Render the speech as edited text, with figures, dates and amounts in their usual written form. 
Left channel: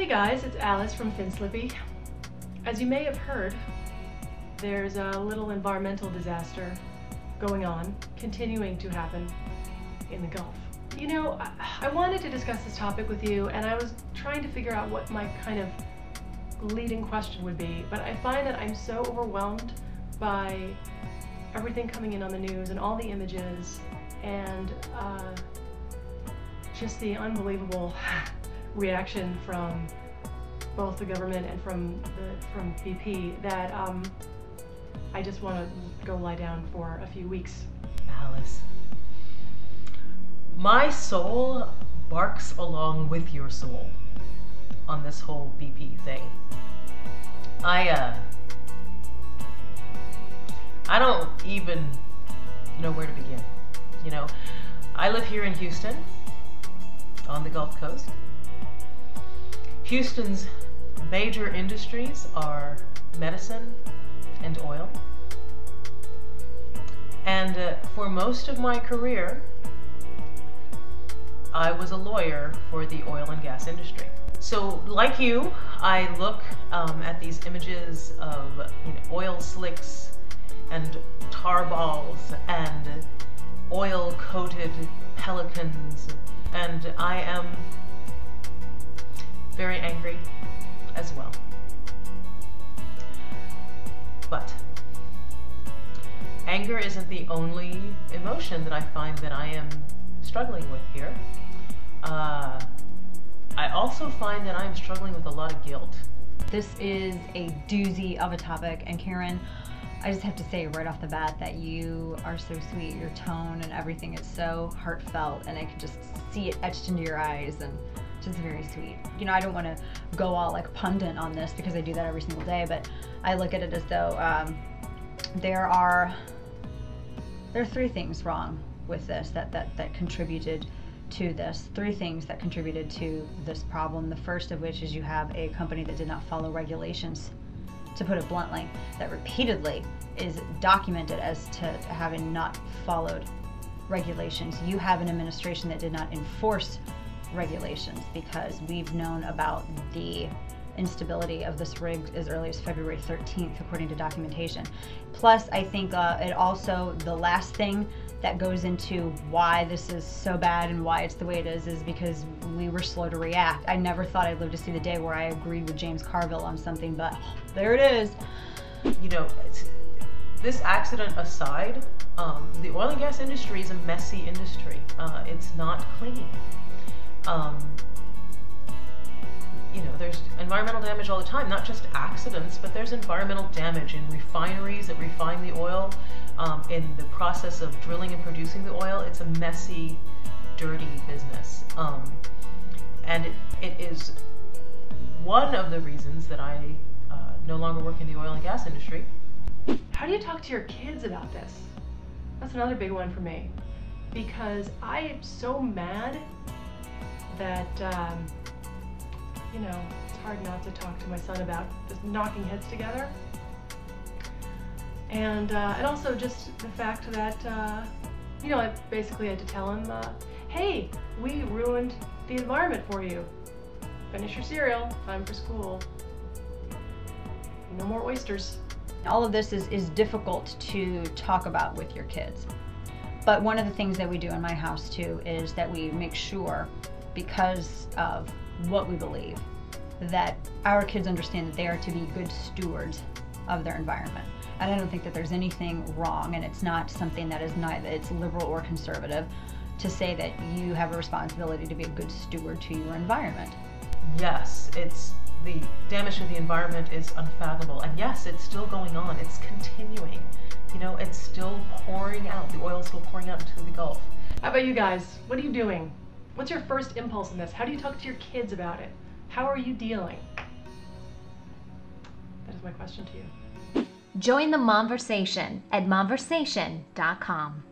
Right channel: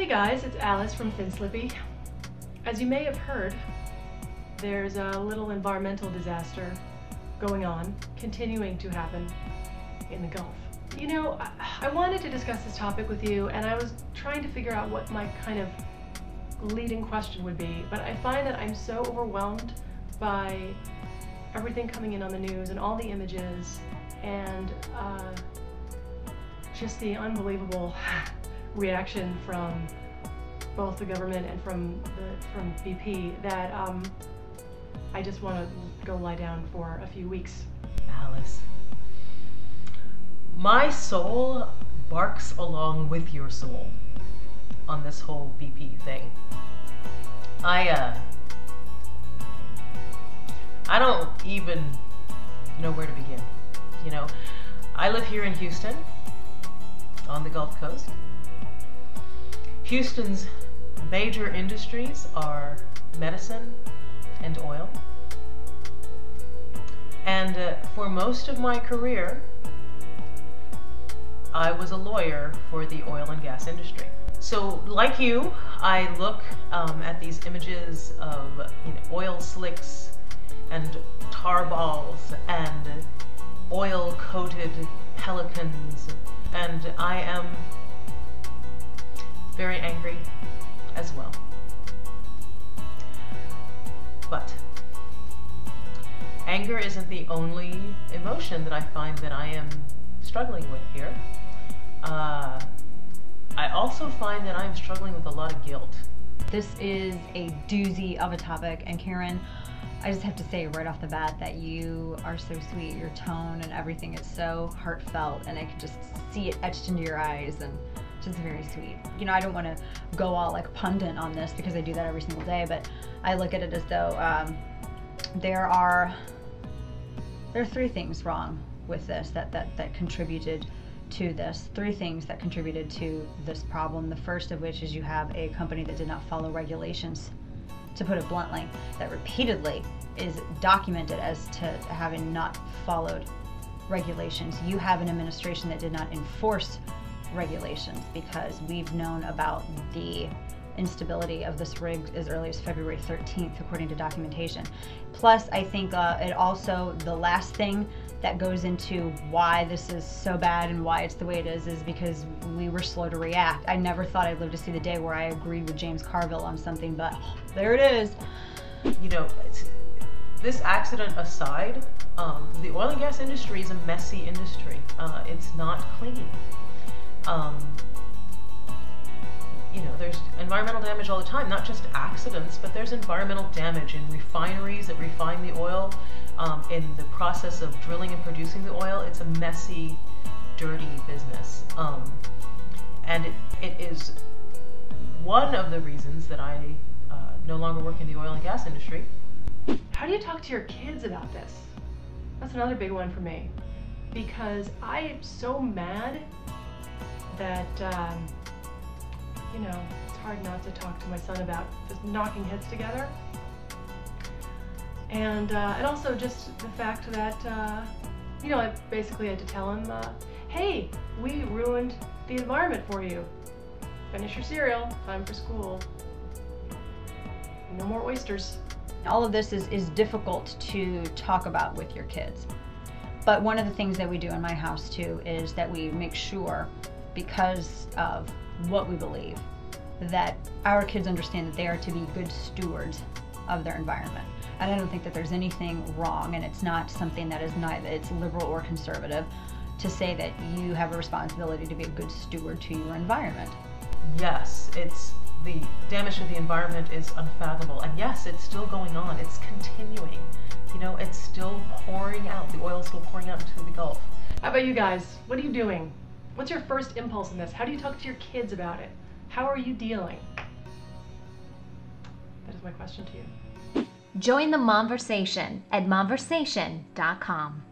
Hey guys, it's Alice from Thin Slippy. As you may have heard, there's a little environmental disaster going on, continuing to happen in the Gulf. You know, I wanted to discuss this topic with you, and I was trying to figure out what my kind of leading question would be, but I find that I'm so overwhelmed by everything coming in on the news and all the images and just the unbelievable reaction from both the government and from BP that I just want to go lie down for a few weeks. Alice, my soul barks along with your soul on this whole BP thing. I don't even know where to begin. You know, I live here in Houston on the Gulf Coast. Houston's major industries are medicine and oil. And for most of my career, I was a lawyer for the oil and gas industry. So like you, I look at these images of oil slicks and tar balls and oil-coated pelicans, and I am very angry as well. But anger isn't the only emotion that I find that I am struggling with here. I also find that I'm struggling with a lot of guilt. This is a doozy of a topic, and Karen, I just have to say right off the bat that you are so sweet. Your tone and everything is so heartfelt, and I can just see it etched into your eyes, and just very sweet. You know, I don't want to go all like pundit on this because I do that every single day, but I look at it as though there are three things wrong with this that contributed to this. Three things that contributed to this problem. The first of which is you have a company that did not follow regulations, to put it bluntly, that repeatedly is documented as to having not followed regulations. You have an administration that did not enforce regulations, because we've known about the instability of this rig as early as February 13th, according to documentation. Plus, I think it also, the last thing that goes into why this is so bad and why it's the way it is because we were slow to react. I never thought I'd live to see the day where I agreed with James Carville on something, but there it is. You know, this accident aside, the oil and gas industry is a messy industry. It's not clean. You know, there's environmental damage all the time, not just accidents, but there's environmental damage in refineries that refine the oil, in the process of drilling and producing the oil. It's a messy, dirty business. And it is one of the reasons that I no longer work in the oil and gas industry. How do you talk to your kids about this? That's another big one for me, because I am so mad that you know, it's hard not to talk to my son about just knocking heads together. And also just the fact that, you know, I basically had to tell him, hey, we ruined the environment for you. Finish your cereal, time for school. No more oysters. All of this is difficult to talk about with your kids. But one of the things that we do in my house too is that we make sure, because of what we believe, that our kids understand that they are to be good stewards of their environment. And I don't think that there's anything wrong, and it's not something that is neither, it's liberal or conservative, to say that you have a responsibility to be a good steward to your environment. Yes, the damage to the environment is unfathomable, and yes, it's still going on. It's continuing. You know, it's still pouring out. The oil's still pouring out into the Gulf. How about you guys? What are you doing? What's your first impulse in this? How do you talk to your kids about it? How are you dealing? That is my question to you. Join the Momversation at momversation.com.